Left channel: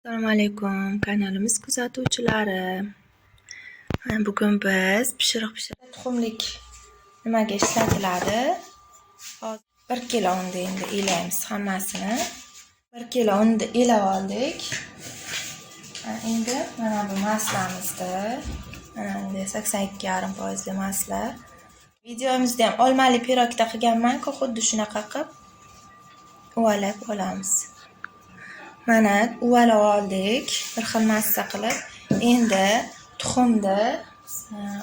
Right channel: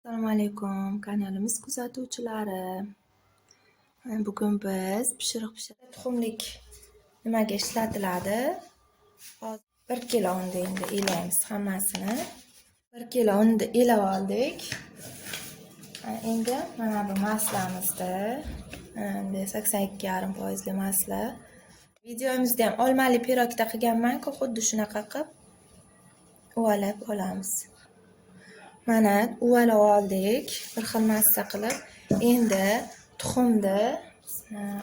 Assalomu alaykum kanalimiz kuzatuvchilari. Bugun biz pishiriq tuxumlik nimaga ishlatiladi? 1 kilo unni endi elaymiz hammasini. 1 kilo unni elab oldik. Endi mana bu maslamizda endi 82,5% masla. Videomizda ham olmali pirogda qilganman-ku, xuddi shunaqa qilib uvalab olamiz. Mana uvalab oldik, bir xil massa qilib. Endi tuxumni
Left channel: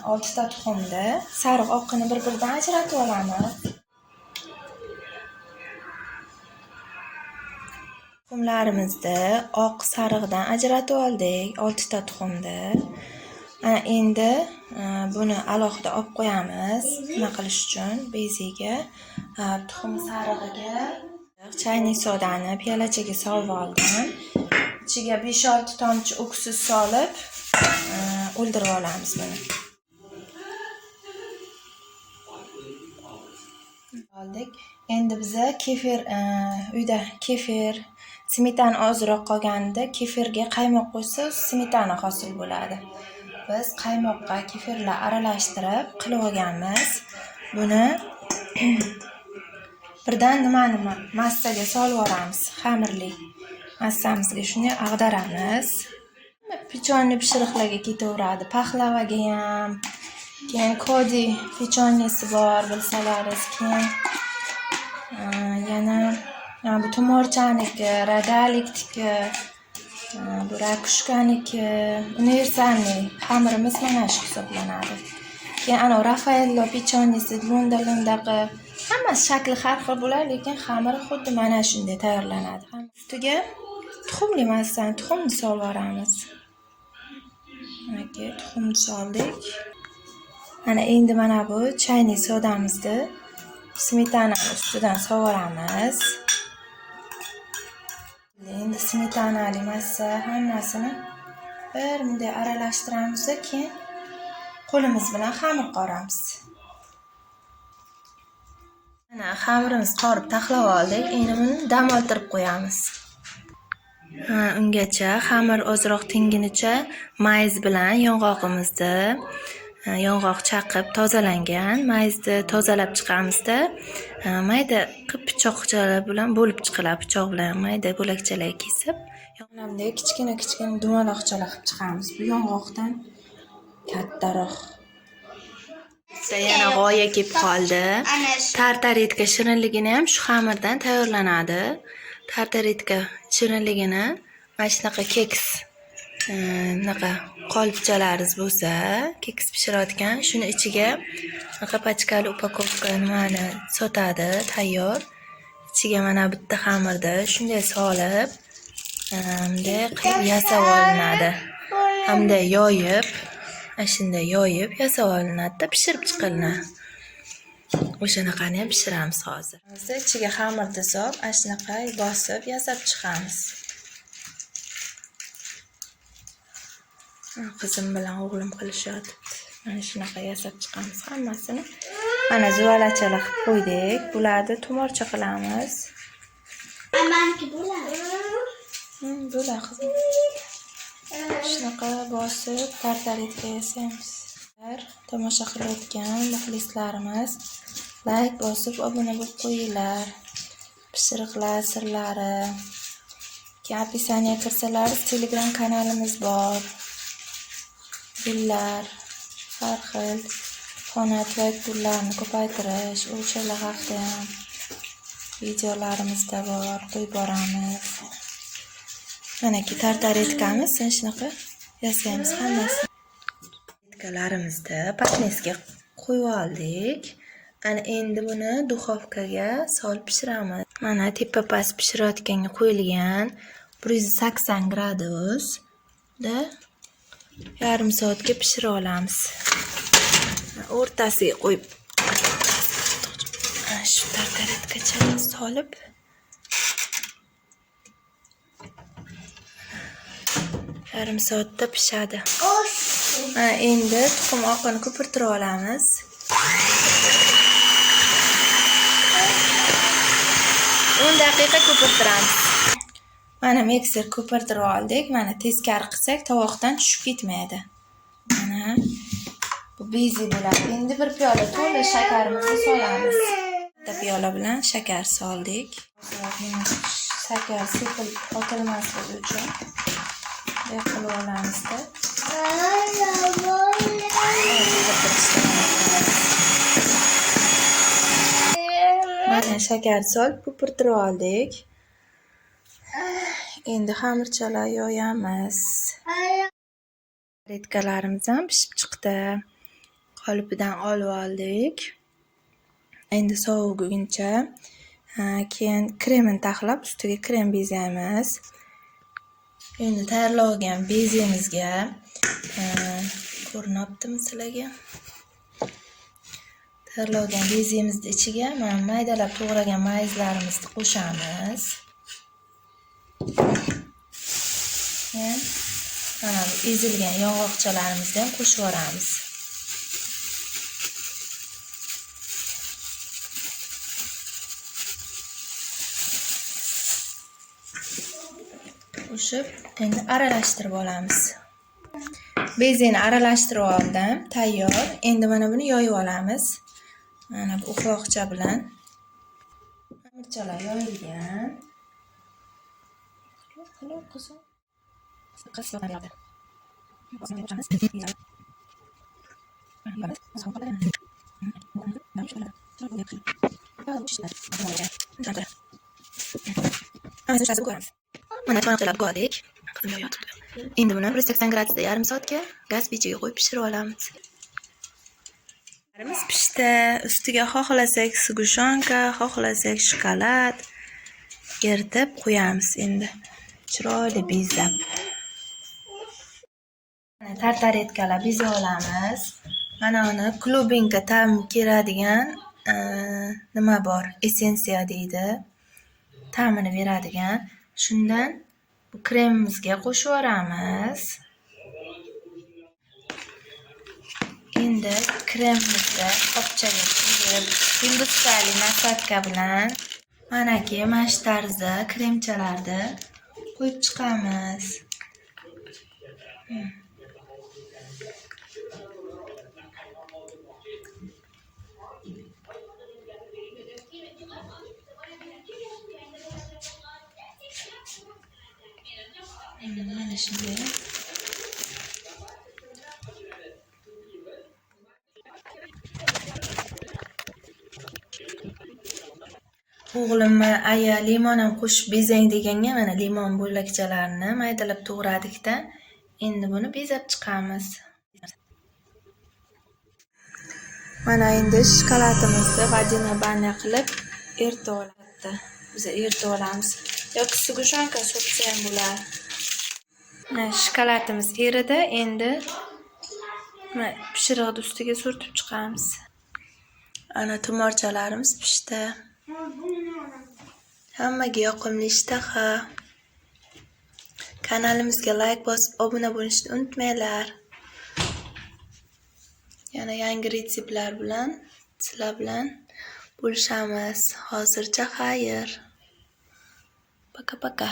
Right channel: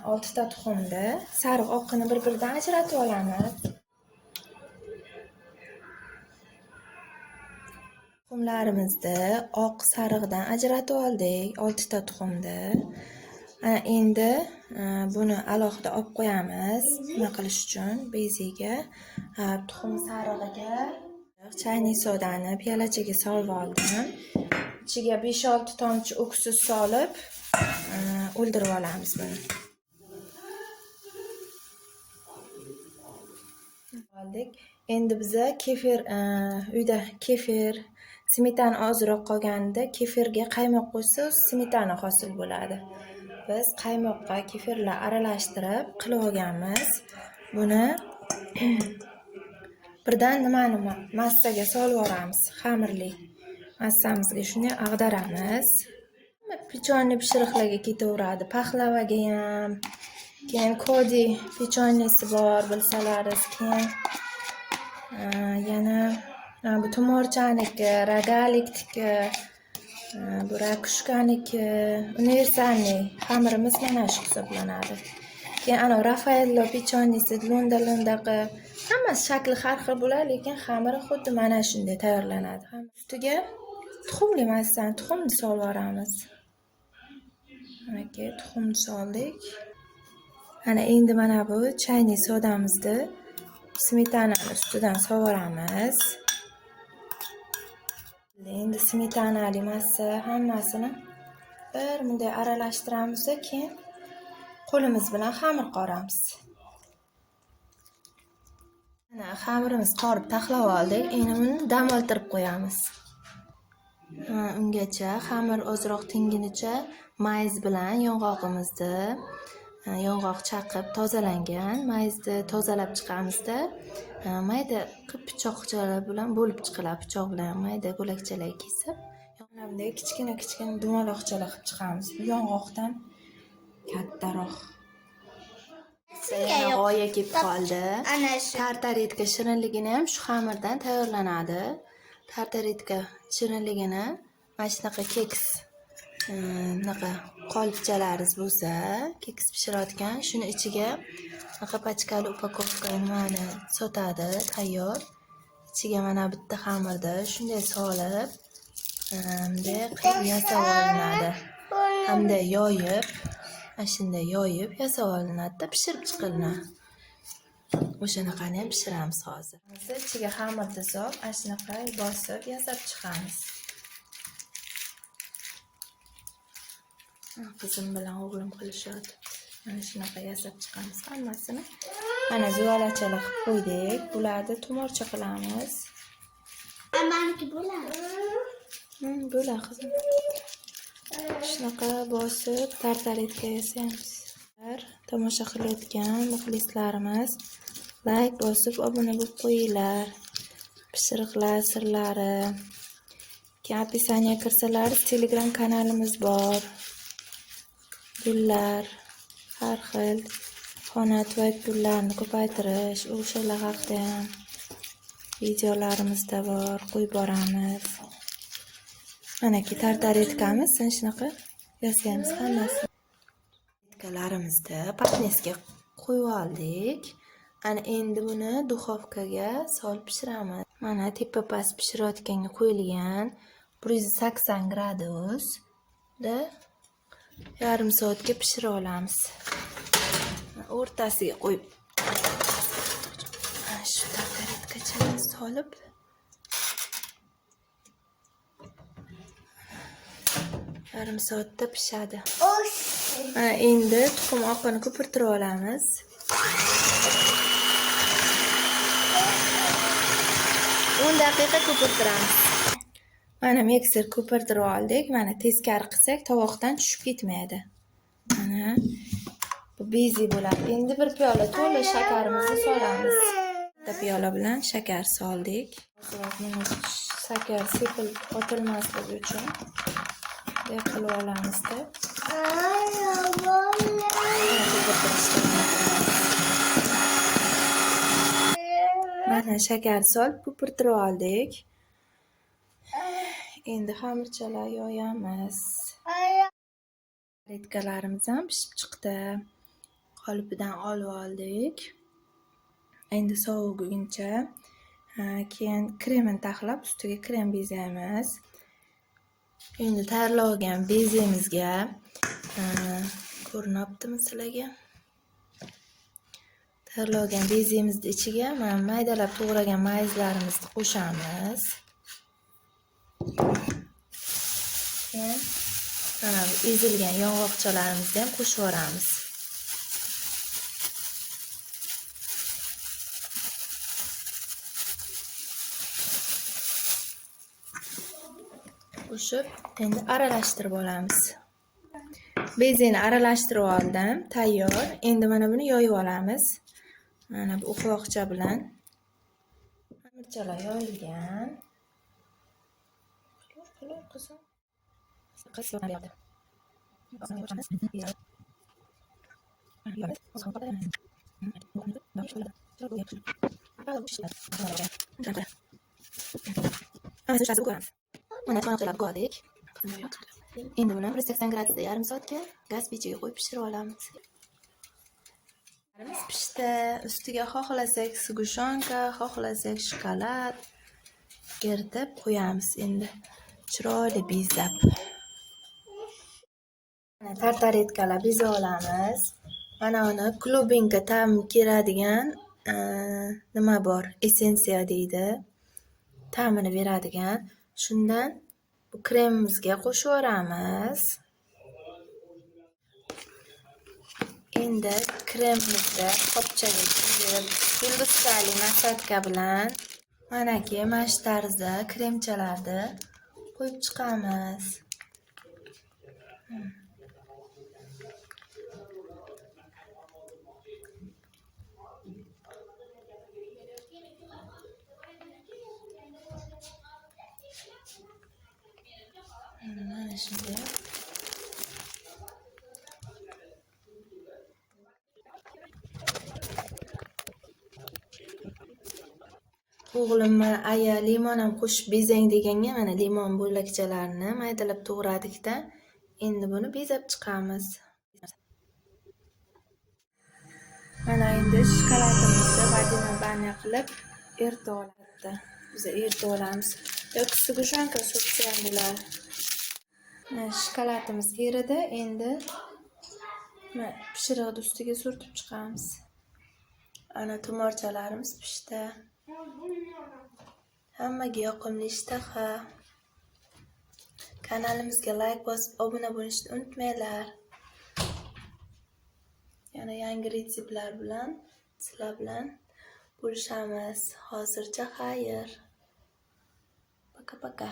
6 ta tuxumni sariq oqini bir-biridan ajratib olamiz. Tuxumlarimizni oq sariqdan ajratib oldik, 6 ta tuxumni. Endi buni alohida olib qo'yamiz. Nima qilish uchun? Beziga tuxum sarig'iga chayniy sodani piyolachaga solib oldim. İchiga 5-6 tomchi uksus solib o'ldirib olamiz buni. Oldik. Endi biza kefir uyda kefir, smetana ozroq qolganda kefirga qaymoq qo'ysa, smetana hosil bo'ladi. Biz qaymoqqa kefirlar aralashtirib qilib olganmiz. Buni birdan nimani massaga solib olamiz. Xamirli massamizga shuni ag'daramiz. Pechonni pishiriqlarga ketaveradi. Paxlavaga ham, keyin kodi pechonnesi bor bilsalaringiz, keyin yana bu tumorchaniki, radalikniki, bu rakushkaniki, universalniy xamirimiz mana shu hisoblanadi. Keyin ana Rafaello pechonnesi lo'nda-lo'ndaqa hammasi shakli har xil bo'ladi, lekin xamiri xuddi mana shunday tayyorlanadi. Ustiga tuxumli massani, tuxumni solib olamiz. Mana tuxumni soldik. Ana endi mana bu chayniy sodamizni smetanani ustidan sovuramiz. Endi smetanali massa hammasini bir bunday aralashtiramiz, keyin qo'limiz bilan xamir qoramiz. Mana xamirimiz qorib taxlab oldik. Endi buni dam oldirib qo'yamiz. Ungacha xamir ozroq tinginicha mayiz bilan yong'oq chaqib tozalangan mayizni tozalab chiqamizda, mayda qilib pichoqchalar bilan bo'lib chiqiladi. Pichoq bilan mayda bo'lakchalar kesib, bunday kichkina dumaloqchalar qilib chiqamiz. Bu yong'oqdan kattaroq. Yana g'oya kelib qoldi. Tartaretka shirinligini ham shu xamirdan tayyorlanadi. Tartaretka shirinligini mana shunaqa keks qolipchalaringiz bo'lsa, keks pishirayotgan, shuni ichiga pachkali upakovka nimani sotadi, tayyor. Ichiga mana bitta xamirni shunday solib, bunday qilib yasab olinadi. Hamda yoyib, shunday yoyib yasab olinadi-da, pishirib chiqiladi. O'shanaqani ham pishiramiz hozir. Biz ichiga xamirni solib, shunaqa bosib yasab chiqamiz. Qizim bilan o'g'lim qilishyapti. Mana shunaqa yasab chiqamiz hammasini. Mana zuvalachalar qilib qo'ydik. Bularni tumorcha qilamiz. Amanki bo'ladi. Bo'ladi qizim. Shunaqa bosib tartaretka yasaymiz. Tomosha qilayotgan muxlislarimiz like bosib obuna bo'lib qo'yinglar. Pishiriqlar sirlari. Keyin описание kirsalar Telegram kanalimiz bor. Gullar, har xil xonat va gullarni ko'paytirish, o'shalar haqida ham videolarimizda bor, qo'yib boramiz. Mana tartaretkamiz, shunaqa yasaymiz hammasini. Tartaretkalarimizni patnesga qo'yib oldik. Ana endi buni duxovkaga solib pishiramiz. Mana tepa-past pishirayotganga qo'yilgan 180 gradusda yarim soatga pishira olamiz. O'rtasiga qo'yib shu tartaretkachani solib yarim soatda pishadi. Endi tuxum oqini ko'pirtirib olamiz. 10 daqiqa ko'pirtiramiz. Mana mikser ko'pirtirib oldik. Mana teskari qilsak tovoqdan tushib ketmaydi. Mana bu bezi bo'ladi. Endi bir piyola to'la shakarimizni solamiz. Bitta piyola bilan shakar soldik. Shakar sepilib qotilmasligi uchun bunday qilib olamizda. Mana shakar solib ko'pirtirib oldik. Endi xamirchalar yoyamiz. Retkalarimiz ham pishib chiqdi. Qolipidan olib oldik. Endi soviguncha keyin kremini taxlab ustiga krem bezaymiz. Endi tayyorlagan bezimizga ko'rinyaptimi sizlarga? Tayyorlagan bezimizni ichiga mana maydalab to'g'ragan mayizlarimizni qo'shamiz. Mana ezilgan yong'oqchalarimizni ham qo'shib yuboramiz. Qo'shib, endi aralashtirib olamiz. Bezini aralashtirib oldim, tayyor. Endi mana buni yoyib olamiz. Mana bu ufoqcha bilan xamirchalar yoyilgan. Mana cho'naqchalar qo'ydik. Endi buni 180 gradusda yarim soatga gaz pechiga qo'yib pishirib olamiz. Larimiz pishdi. Ustiga xohlasak sug'ushonka, xohlasak shokolad eritib qo'yamiz endi. Chiroyli bezab. Mana tartaretkalar bezab olamiz. Mana uni klubinka ta'm keladigan nima bor? Essensiya deydi. Ta'mini beradigan. Shundan bu kremimizga qo'shib yuboramiz. Endi kremimizni qopchaga tushirib, ildizli nafatka bilan manaki mana shu tarzda kremchalarni qo'yib chiqamiz. Mana shunday. O'g'lim mana aya limon ham qo'shib bezang deganga mana limon bo'lakchalarini maydalab to'g'radikda. Endi buni bezab chiqamiz. Mana endi shokoladimizni vodina banya qilib eritib oladi. Biz eritib olamiz. Yoki sug'ushonka surtsa ham bo'ladi. Mana shokoladimiz eridi. Endi mana pishiriqni ustiga surtib chiqamiz. Ana tumorchalarimiz pishdi. Hammaga yoqimli ishtaha. Kanalimizga like bosib, obuna bo'lishni unutmanglar. Yana yangi retseptlar bilan sizlar bilan bo'lishamiz. Hozircha xayr. Paka.